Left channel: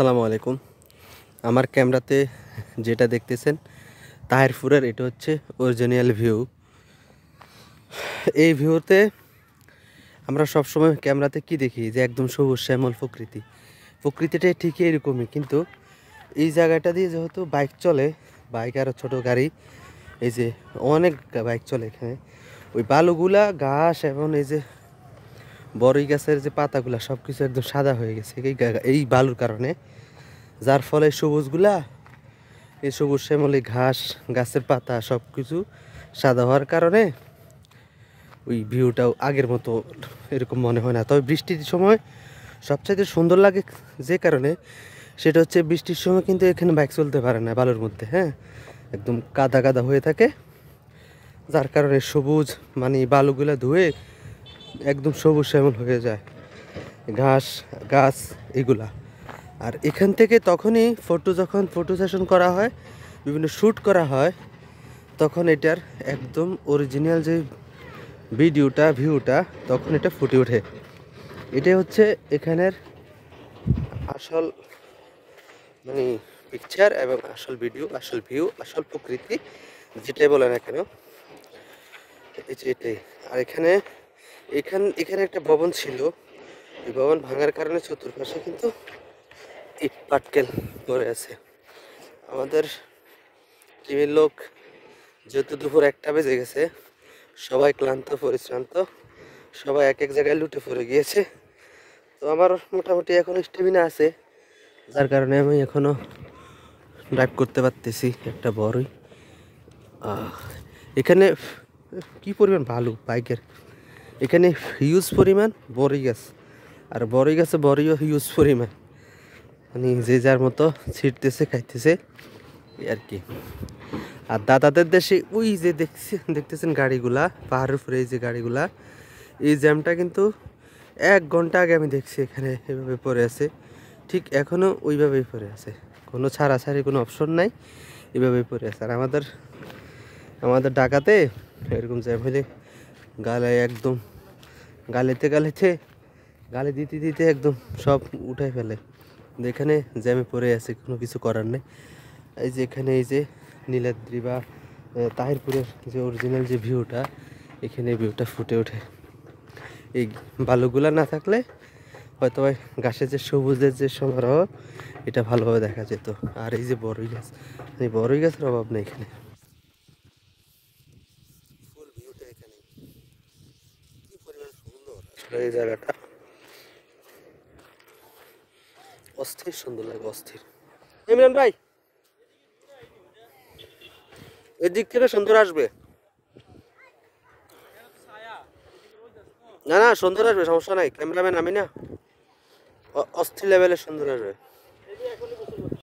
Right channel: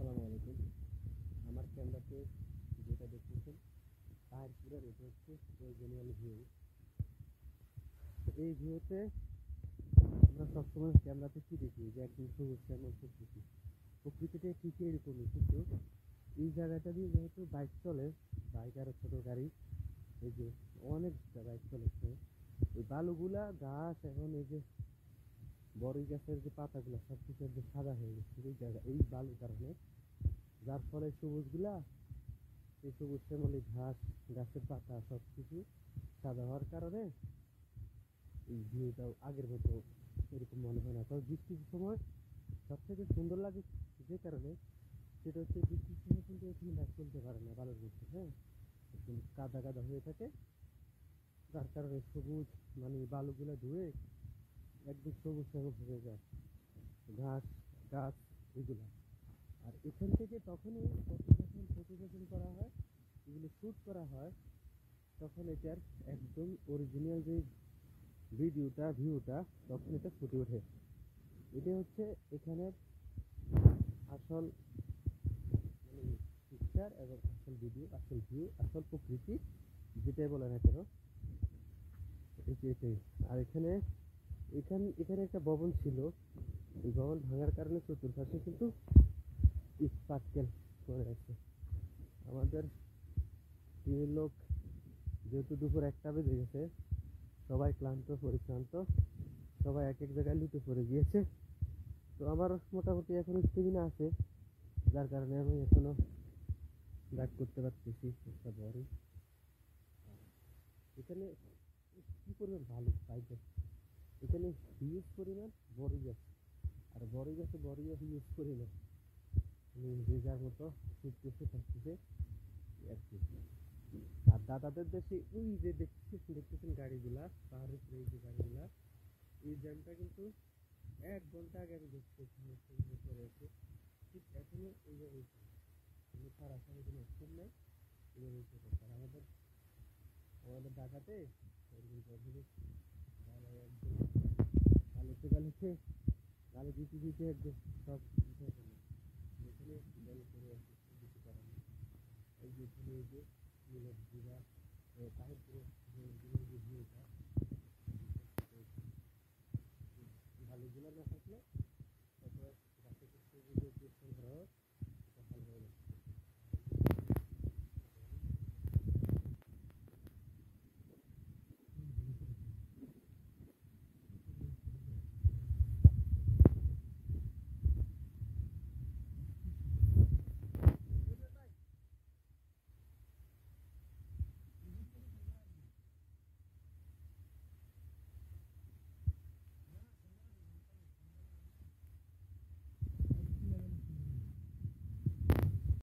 আসসালামু আলাইকুম। আমার ক্যামেরাতে যেটা দেখতেছেন তাহিরপুরের, এটা হচ্ছে অরিজিনাল ভিউ। এই ভিউতে আমরা সবসময় ক্যামেরাতে কি দেখি যে একদম সবুজ শ্যামল প্রকৃতি। প্রকৃতিটা ঠিকই এরকমই, কিন্তু এই জায়গাটা দিয়ে যেহেতু বাইক চলে, বাইক আর ছোটো গাড়ি, এই যে অনেক বাইক চলে এখানে, ওই বালুগুলা ঘাস এবং এই যে বড়ই গাছের যে পাতাগুলা সব কিছু একদম সাদা হয়ে গেছে এই বালুর কারণে। যার ফলে সবুজগুলা, এই সবুজ শ্যামলি ঘাস, গাছের পাতা সব কিছু সাদা হওয়ার কারণে ওই ভিউটাও আগের মতো এরকম মনে হয় না। তবে বৃষ্টির সময় সবচাইতে সুন্দর লাগে যে কারণে, সেটা হচ্ছে বৃষ্টির সময় কিন্তু এখানে বাইক চলতে পারে না বালুর মধ্যে, হ্যাঁ, একদম কাদা কাদা হয়ে থাকে। যার কারণে সবুজ মানে বালুগুলা ধুয়ে একদম সবুজ শ্যামল হয়ে যায়, ঘাস গাছ এগুলা। আর এখান থেকে তখনই যখন ফটো সেশন করা হয়, বিভিন্ন শ্যুট করা হয়, তখন এটার একদম অরিজিনাল যে ভিউটা তখন এটা ফুটে ওঠে। এটাই হচ্ছে এখানের আসল মানে পিকচার এবং আসল ভিডিও, আসল ভিউ, আসল প্রকৃতি, যেটাই বলে না কেন, এই যে এটাই। আর এখানে একটা ভবন ছিল, এই ভবন ভাঙার কারণে চতুর্পাশে কিন্তু ইট পাটকেল পড়ে আছে। আমাদের টিমের লোক, যেহেতু দুপুর 1টা বেজে গেছে, সবাই ক্লান্ত পরিশ্রান্ত, সবাই এক এক জায়গায় লুটে পড়ে গিয়েছে। তো আমার মোটামুটি এখনও স্টেমিনা আছে, যার কারণে আমি এখনও ড্রাইভ করতে পারতেছি একটা বড়ই। এখানে কি পরিমাণ ভালো বাইকের, এখানে হিউজ পরিমাণ বড়ই গাছ, আর বড়ই গাছে বড়ইও হিউজ পরিমাণ, মানে যে যার মতো ছিটতেছে খাইতেছে আর কি। আর দাদাদের দেশে ওই যে দেখতেছেন গাড়িগুলা পাহাড়ের উপরে, এই যে গাড়িগুলা, এই জ্যামটা কিন্তু 1 ঘন্টা আগে আমি দেখছি এখানে এভাবে পড়ে আছে, ঠিক এখনও ওইভাবেই পড়ে আছে, কোনো ছাড়াছাড়ি কোনো অপশন নাই, এভাবেই পড়ে আছে। আর আমাদের ঢাকাতে এরকম জ্যাম হলে একদম গালি দিতে দিতে একদম সব উঠাই ফেলে। এখানে জ্যামে পড়ে আছে, কোনো কিছু করার নেই। এই যে এখানে এই যে নীলাদ্রি বা তাহিরপুরের যে অরিজিনাল যে ভিউটা, এখানে ভিউটা ফুটে ওঠে। এই বালুগুলা না থাকলে হয়তো গাছের যে সবুজের যে সমারোহ, এটা ভালোভাবে দেখা যেত। আর এই যে বড়ই গাছ, এই বড়ই গাছের অভাব নেই এখানে, ফুল ভিউটা এখানে কি পরিমাণ সুন্দর আসলে এই জায়গাটা, অস্থির সুন্দর লাগে, অস্থির। ইমরান ভাই, এদিক থেকে সুন্দর আসবে, না না সুন্দর আসবে, সমস্যা নাই, ক্যামেরাম্যান আমি না, অস্থির লেভেলের সুন্দর আসবে।